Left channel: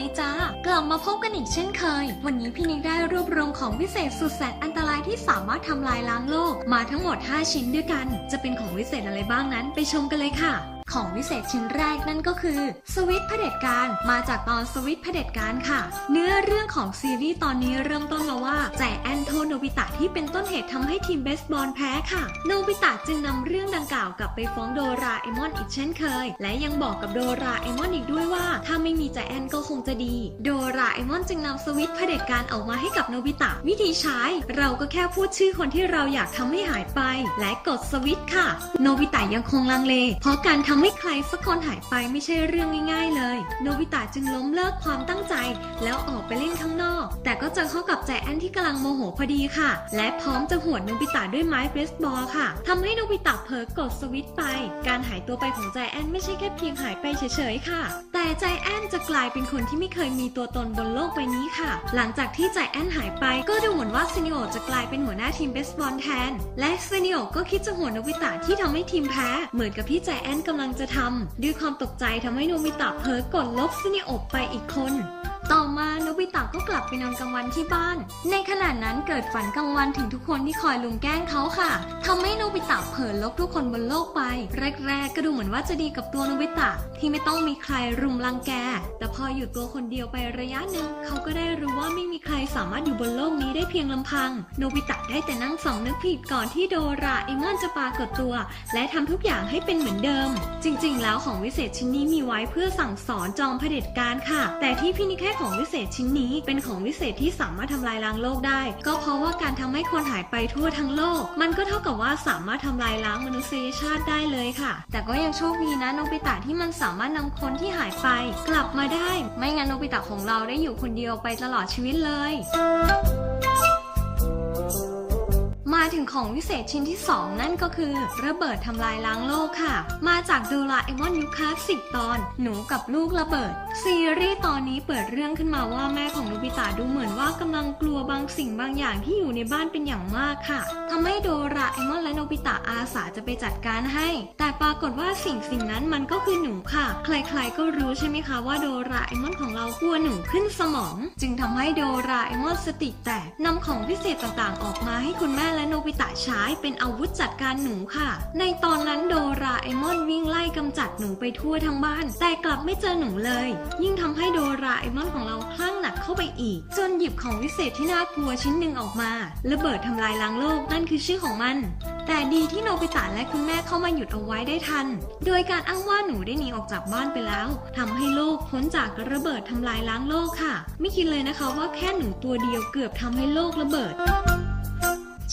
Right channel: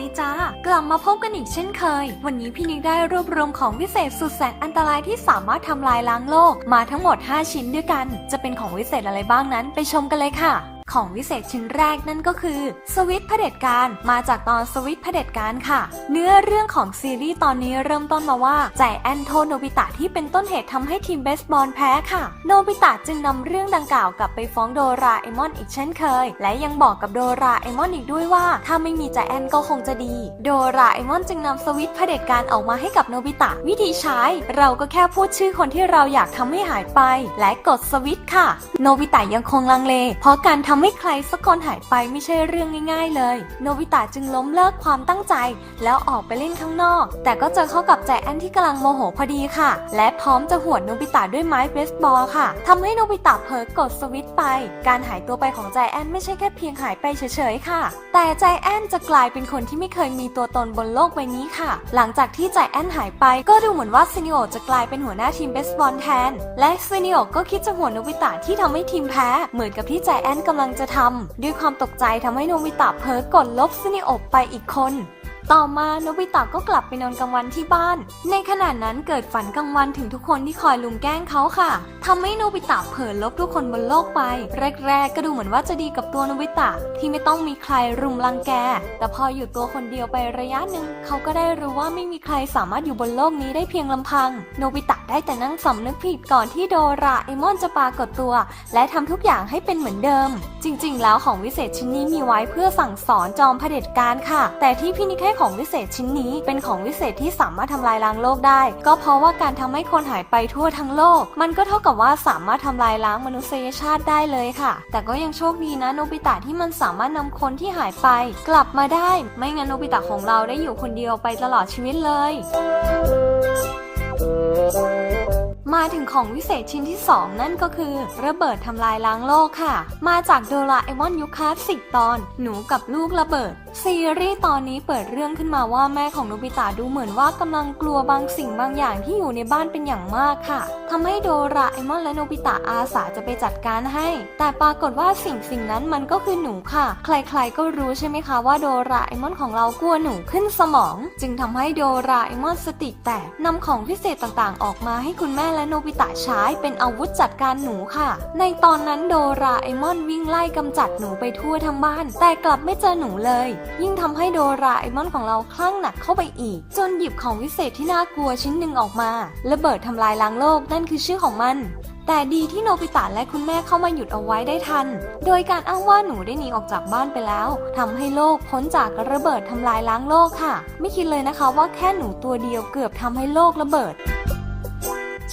ดีจ้ากลับมาพบกันอีกเช่นเคย วันนี้พี่นิกได้รวบรวมของวิเศษสุดแสนอันตรายที่สามารถทำลายล้างโลก มาทั้งหมด 5 ชิ้นด้วยกัน จะเป็นของวิเศษอะไรบ้างนั้นไปชมกันเลยค่ะ ของวิเศษชิ้นแรกนั่นก็คือ สวิตเผด็จการมาจากตอนสวิตเผด็จการค่ะ เนื้อเรื่องของซีรีส์ตอนนี้เริ่มต้นมาว่าใจแอนโทโนบิตะที่เป็นต้นเหตุทำให้ทีมเบสบอลแพ้ค่ะ โนบิตะจึงนำเรื่องดังกล่าวกลับไปฟ้องโดราเอมอนอีกเช่นเคย และยังบอกกับโดราเอมอนอีกด้วยว่า ถ้าไม่มีใจแอนก็คงจะดี โดราเอมอนจึงนำสวิตเผด็จการออกมาให้กับโนบิตะ วิธีใช้ เราก็แค่พูดชื่อคนที่เราอยากทำให้หายไป และกดสวิตค่ะ โนบิตะยังคงลังเล เพราะการทำำให้ใครสักคนหายไปไม่ใช่เรื่องง่ายๆเลย โนบิตะจึงล้มเลิกความตั้งใจ แล้วออกไปเล่นข้างนอก แต่ก็เจอเข้ากับใจแอนที่กำลังโมโหพอดีค่ะ และพร้อมจะหวดโนบิตะด้วยไม้เบสบอลค่ะทำให้โนบิตะเผลอกดสวิตไป การหายตัวไปของใจแอนไม่ใช่แค่เพียงหายไปเฉยๆค่ะ แต่ใจแอนจะกลายเป็นคนที่ไม่เคยมีตัวตนบนโลกใบนี้ค่ะ หลังจากที่ใจแอนหายไป ก็ดูเหมือนว่าซินิโอจะกลายเป็นหัวหน้าทีมเบสบอลแทน และซินิโอก็คิดจะหวดโนบิตะที่ทำให้ทีมแพ้ เหมือนกับที่ใจแอนกำลังจะทำด้วยความตกใจทำให้โนมิตะเพ้อกดลบซึนิโอไปอีกคน ต่อมาโนบิตะก็กลับไปนอนกลางวันที่บ้าน ในขณะนั้นเกิดฝันกลางวันถึงทุกคนที่คอยลุมแกล้งเขาค่ะทำให้โนบิตะเผลอลบทุกคนบนโลกไป แรก ๆ ก็ดูเหมือนว่าจะดีกับตัวโนบิตะที่ไม่ต้องมีใครรุมรังแก แต่พออยู่ตัวคนเดียวไประยะหนึ่งเขาก็ได้รู้ว่าไม่มีใครสามารถอยู่บนโลกนี้ได้เพียงลำพัง โนบิตะได้แต่นั่งสำนึกผิดก่อนที่โดราเอมอนจะปรากฏตัว และทำทุกอย่างให้เป็นเหมือนเดิม จริง ๆ แล้วของวิเศษชิ้นนี้มีไว้เพื่อสั่งสอนจอมเผด็จการค่ะ แต่ที่พี่นิกให้ของวิเศษชิ้นนี้เป็นของวิเศษที่สามารถทำลายล้างโลกได้ ก็เพราะว่าการทำให้คนหายไปทั่วทั้งโลก มันก็เท่ากับว่าสามารถทำลายล้างมนุษยชาติได้เลยค่ะ แต่ก็ยังโชคดีนะโนบิตะที่มันสามารถนำคนที่หายไป กลับมาได้ ไม่งั้นโนบิตะของเราได้อยู่คนเดียวไปตลอดชีวิตเลยมาถึงของวิเศษชิ้นที่ 2 นั่นก็คือ ระเบิดทำลายล้างโลกค่ะ มาจากโดราเอมอนยุคคลาสสิกตอน หนูกับลูกระเบิด ซีรีส์ตอนนี้เปิดเรื่องขึ้นมาว่าแม่ของโนบิตะดูเหมือนว่ากำลังกลัวบางสิ่งบางอย่างที่อยู่ในบ้านเป็นอย่างมากค่ะทำให้โดราเอมอนและโนบิตะอาสาจะไปจัดการให้ แต่ปรากฏว่าสิ่งสิ่งนั้นมันก็คือหนูค่ะ ใครๆก็รู้ใช่ไหมคะว่าโดราเอมอนของเรากลัวหนูขึ้นสมอง จึงทำให้โดราเอมอนสติแตกนำของวิเศษต่างๆ ออกมาให้คุณแม่และโนบิตะใช้เป็นอาวุธจัดการหนูค่ะ ในตอนนั้นโดราเอมอนวิ่งไล่กำจัดหนูไปทั่วทั้งบ้าน แต่กลับไม่เจอหนูเลยยิ่งทำให้โดราเอมอนของเราคลั่งหนักเข้าไปอีก จนหยิบของวิเศษที่น่ากลัวชิ้นหนึ่งออกมาระเบิดทำลายล้างโลกนั่นคือชื่อของมัน แต่ดีที่โนบิตะและคุณแม่เข้ามาหยุดเอาไว้ได้ทัน โดยการอ้างว่าหนูได้หนีออกจากบ้านไปแล้วทำให้โลกพ้นจากระเบิดทำลายล้างโลกค่ะ ไม่คิดเลยนะคะว่าแค่หนูตัวเดียวเกือบทำให้โลกระเบิด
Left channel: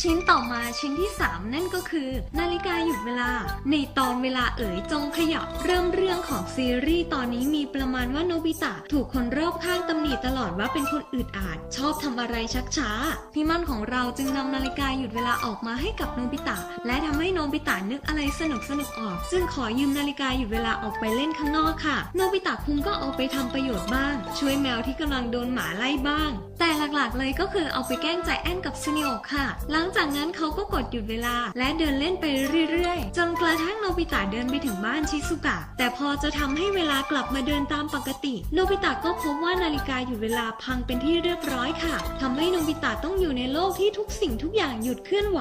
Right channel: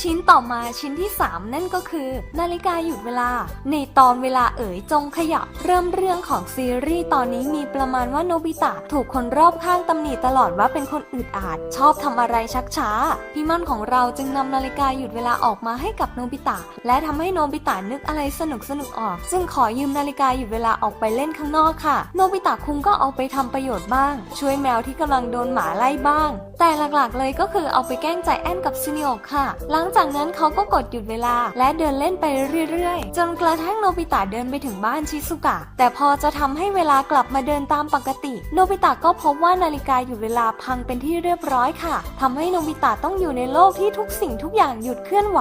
ชิ้นต่อมาชิ้นที่ 3 นั่นก็คือ นาฬิกาหยุดเวลา ในตอนเวลาเอ๋ยจงขยับ เริ่มเรื่องของซีรีส์ตอนนี้มีประมาณว่าโนบิตะถูกคนรอบข้างตำหนิตลอดว่าเป็นคนอึดอาดชอบทำอะไรชักช้า พี่มั่นของเราจึงนำนาฬิกาหยุดเวลาออกมาให้กับโนบิตะ และทำให้โนบิตะนึกอะไรสนุกสนุกออกจึงขอยืมนาฬิกาหยุดเวลาออกไปเล่นข้างนอกค่ะ โนบิตะคุงก็เอาไปทำประโยชน์บ้าง ช่วยแมวที่กำลังโดนหมาไล่บ้าง แต่หลักๆเลยก็คือเอาไปแกล้งใจแอนกับซูนิโอค่ะหลังจากนั้นเขาก็กดหยุดเวลา และเดินเล่นไปเรื่อยๆ จนกระทั่งโนบิตะเดินไปถึงบ้านชิซุกะ แต่พอจะทำให้เวลากลับมาเดินตามปกติ โนบิตะก็พบว่านาฬิกาหยุดเวลาพังเป็นที่เรียบร้อยค่ะทำให้โนบิตะต้องอยู่ในโลกที่ทุกสิ่งทุกอย่างหยุดเคลื่อนไหว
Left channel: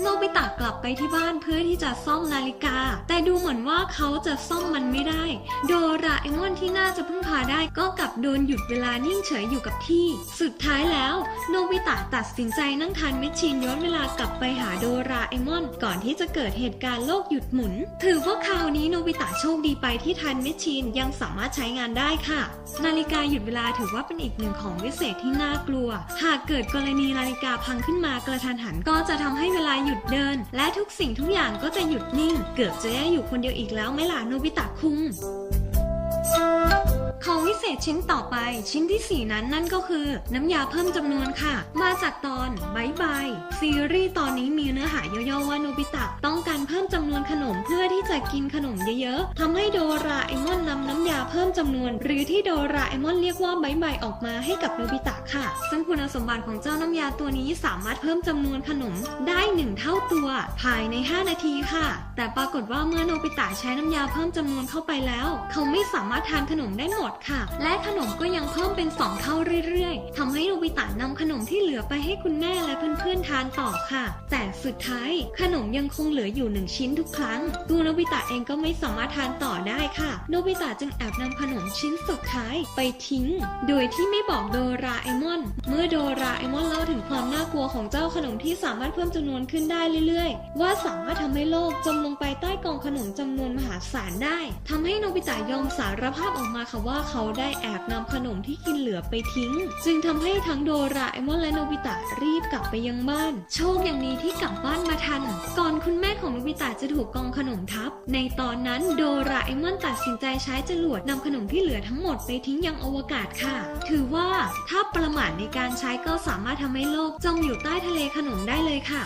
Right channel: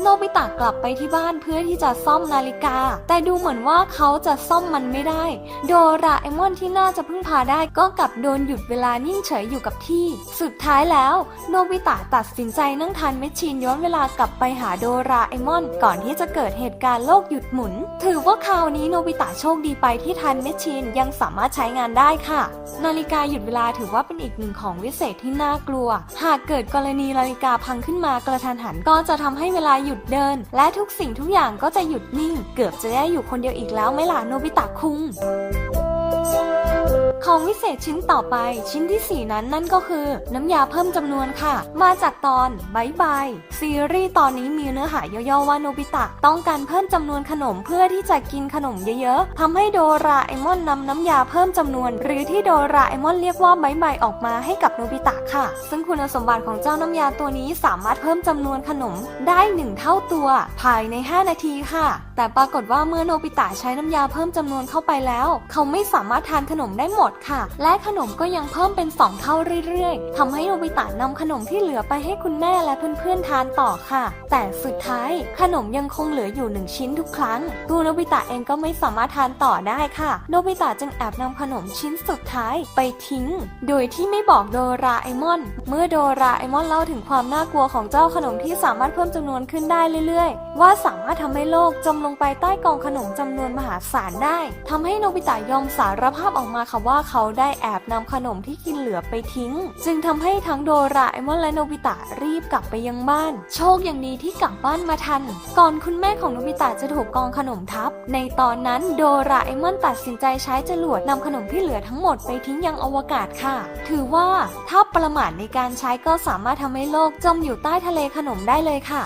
โนบิตะกลับไปที่บ้านเพื่อที่จะซ่อมนาฬิกา แต่ดูเหมือนว่าเขาจะซ่อมมันไม่ได้ โดราเอมอนที่น่าจะพึ่งพาได้ก็กลับโดนหยุดเวลานิ่งเฉยอยู่กับที่ สุดท้ายแล้ว โนบิตะตัดสินใจนั่งทานเมชชีนย้ออนเวลากลับไปหาโดราเอมอน ก่อนที่จะเกิดเหตุการณ์โลกหยุดหมุน ถือว่าคราวนี้โนบิตะโชคดีไปที่ทันเมชชีนยังสามารถใช้งานได้ค่ะ นาฬิกาหยุดเวลาถือว่าเป็นอีกหนึ่งของวิเศษที่น่ากลัว หากเกิดกรณีนาฬิกาพังขึ้นมากระทันหันก็จะทำให้เวลาหยุดเดิน และทุกสิ่งทุกอย่างก็จะหยุดนิ่ง เกือบจะได้อยู่คนเดียวอีกแล้วไหมล่ะโนบิตะคุง ของวิเศษชิ้นต่อไปชิ้นที่ 4 นั้นนั่นก็คือ น้ำยาเพิ่มจำนวนค่ะ มาจากตอนบายบายซีรีส์ตอนนี้มีเนื้อหาย่อๆว่าโนบิตะต้องการเพิ่มจำนวนขนมเพื่อที่จะกินขนมเยอะๆทำให้โดราเอมอนนำน้ำยาเพิ่มจำนวน หรือที่โดราเอมอนเรียกว่าบายบายออกมาให้กับโนบิตะค่ะ ซึ่งคุณสมบัติของเจ้าน้ำยาตัวนี้สามารถเพิ่มจำนวนขนมได้หนึ่งเท่าตัวภายใน 5 นาทีค่ะ แต่ปรากฏว่าเมื่อโนบิตะใช้น้ำยาเพิ่มจำนวนเข้าไปแล้ว เขาไม่สามารถทานขนมได้หมดดค่ะ และขนมก็ยังเพิ่มเป็น 2 เท่าเรื่อยๆทำให้โนบิตะนำขนมที่เหลือไปให้คุณแม่และเพื่อนๆทานต่อค่ะ แต่สุดท้ายขนมยังคงเหลืออยู่หนึ่งชิ้นทุกครั้งตัวโนบิตะเองก็ไม่สามารถทานต่อได้ค่ะ โนบิตะจึงแอบนำขนมชิ้นสุดท้ายไปทิ้ง โดยที่ไม่บอกโดราเอมอน เมื่อโดราเอมอนเล่าถึงความน่ากลัวของเจ้าขนมที่สามารถเพิ่มจำนวนขึ้นได้เรื่อยๆ ว่าสามารถทำให้โลกจมลงไปใต้กองขนมจำนวนมหาศาลได้ทำให้โนบิตะยอมสารภาพออกมาค่ะว่าเขาได้แอบนำขนมที่กินเหลือไปทิ้ง จึงทำให้ทั้งโดราเอมอนและโนบิตะรีบกลับไปยังบ้าน โชคอย่างดีที่กลับบ้านมาทัน ก่อนคุณแม่ของโนบิตะจะถูกกองขนมทับ ในตอนนั้นโดราเอมอนตัดสินใจใช้จรวดนำขนมที่เหลือทั้งหมดไปทิ้งยังอวกาศค่ะ ถือว่าถ้าประมาทในการใช้ก็สามารถทำให้โลกจมอยู่ใต้ทะเลขนมได้เลยค่ะ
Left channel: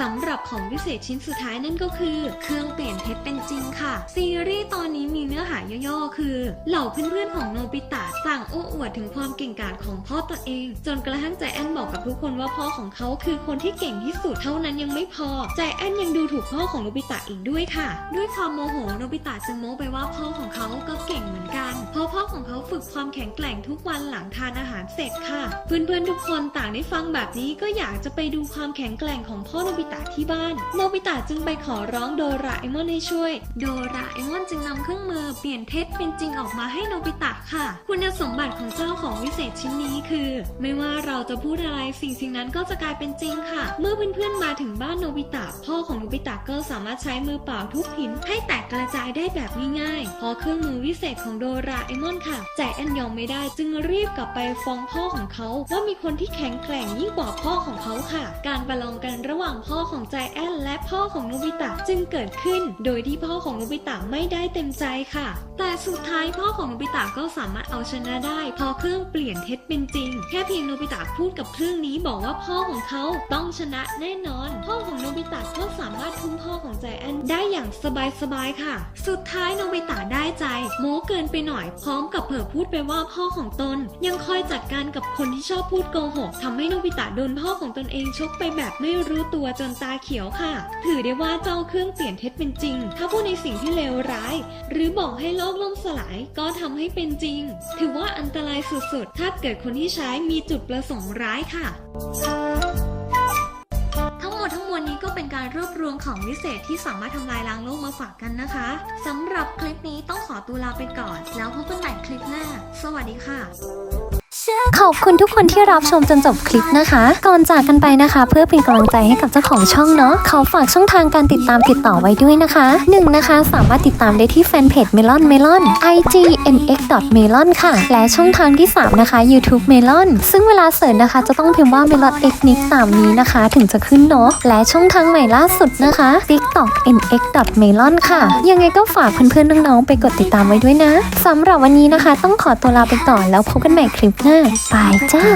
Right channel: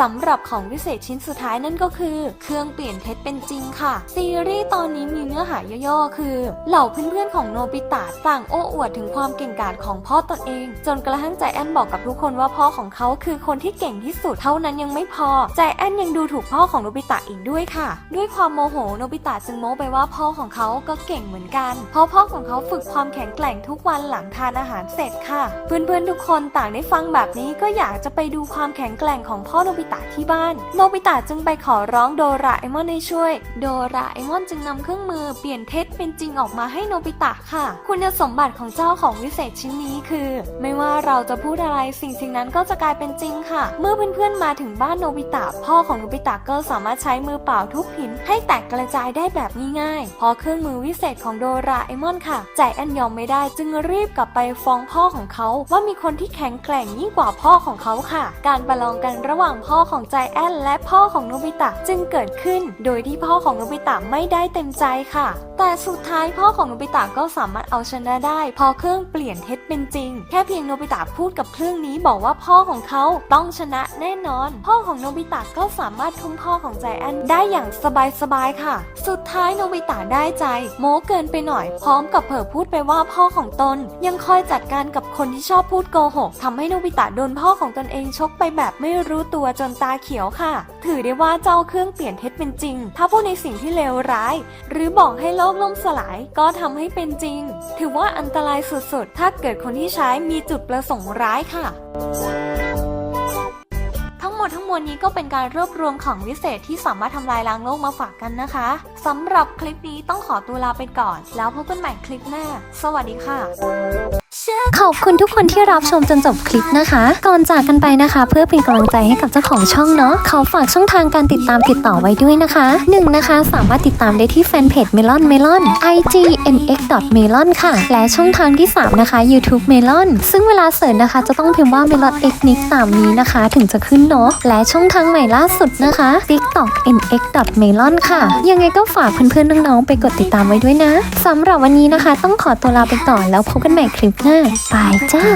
สำหรับของวิเศษชิ้นสุดท้ายนั่นก็คือ เครื่องเปลี่ยนเพชรเป็นจริงค่ะ ซีรีส์ตอนนี้มีเนื้อหาย่อๆคือ เหล่าเพื่อนๆของโนบิตะต่างโอ้อวดถึงความเก่งกาจของพ่อตนเอง จนกระทั่งใจแอนบอกกับทุกคนว่าพ่อของเขาคือคนที่เก่งที่สุดเท่านั้นยังไม่พอ ใจแอนยังดูถูกพ่อของโนบิตะอีกด้วยค่ะ ด้วยความโมโหโนบิตะจึงโม้ไปว่าพ่อของเขาก็เก่งเหมือนกัน เพราะพ่อของเขาฝึกความแข็งแกร่งทุกวันหลังทานอาหารเสร็จค่ะ เพื่อนๆทุกคนต่างได้ฟังแบบนี้ก็อยากจะไปดูความแข็งแกร่งของพ่อโนบิตะที่บ้าน โนบิตะจึงไปขอร้องโดราเอมอนให้ช่วย โดราเอมอนจึงนำเครื่องมือเปลี่ยนเพชรเป็นจริงออกมาให้โนบิตะค่ะ คุณสมบัติของเจ้าของวิเศษชิ้นนี้คือ ไม่ว่าเราจะพูดอะไรสิ่งสิ่งนั้นก็จะกลายเป็นจริงค่ะ เมื่อเพื่อนๆมาถึงบ้านโนบิตะพ่อของโนบิตะก็สามารถใช้มือเปล่าทุบหินให้แตกกระจายได้แบบง่ายๆเพราะเครื่องมือวิเศษของโดราเอมอนค่ะใจแอนยอมไม่ได้จึงรีบกลับไปฟ้องพ่อของเขา ว่ามีคนที่แข็งแกร่งยิ่งกว่าพ่อของเขาค่ะ การประลองกันระหว่างพ่อพ่อของใจแอนและพ่อของโนบิตะจึงเกิดขึ้น โดยที่พ่อของโนบิตะไม่ได้เต็มใจค่ะ แต่สุดท้ายพ่อของโนบิตะก็สามารถเอาชนะได้ พอเครื่องเปลี่ยนเท็จเป็นจริง แค่เพียงโนบิตะพูดกับเครื่องนี้บอกว่าพ่อของเขาต้องชนะแน่นอน พ่อของโนบิตะก็สามารถทุ่มพ่อของใจแอนได้อย่างสบายๆค่ะ สุดท้ายโนบิตะได้ใจ โม้เกินไปหน่อย พร้อมกับเผอพูดไปว่าพ่อของตน ยังคอยจัดการกับคนที่ชอบพูดโกหกทำให้โนบิตะโดนพ่อของตนเองชกไปแบบไม่รู้ตัวจนตาเขียวค่ะ ถือได้ว่าเจ้าเครื่องเปลี่ยนเท็จเป็นจริง ถ้าพูดในสิ่งที่เลวร้าย หรือบอกให้โลกล่มสลายก็ทำให้เป็นจริง ถือว่าอันตรายสุดๆ ถ้าเกิดคนที่ใช้มีจุดประสงค์ร้ายค่ะทั้งหมดทั้งมวลนี้ก็เป็นการรวบรวมของวิเศษที่สามารถทำลายล้างโลกมาฝากกันนะคะสำหรับคลิปนี้ต้องขอตัวลาไปก่อน แล้วพบกันใหม่คลิปหน้า สวัสดีค่ะ ขอบคุณทุกคนที่รับชมจนจบคลิปนะคะ ก่อนจากกันไปนะคะ เพื่อเป็นกำลังใจให้กับเจ้าของช่องเนาะขอฝากช่องทางการติดตามติดต่อไว้ด้วยนะคะหนึ่งนะคะ สามารถติดตามได้ที่แฟนเพจ Melon Melon IG mx melon ค่ะ และช่องทางที่ 3 นะคะ YouTube Melon ซึ่งเวลาเสิร์ชนะคะ จะต้องพิมพ์ว่า Melon x nix ตามนี้นะคะ ถึงจะขึ้นเนาะและช่องทางใหม่ล่าสุดนะคะ TikTok mx melon ค่ะ ยังไงก็ฝากเพื่อนๆน้องๆไปกดติดตามไว้ด้วยนะสำหรับวันนี้นะคะ ต้องขอตัวลาไปก่อนแล้วพบกันใหม่คลิปหน้าบายจ้า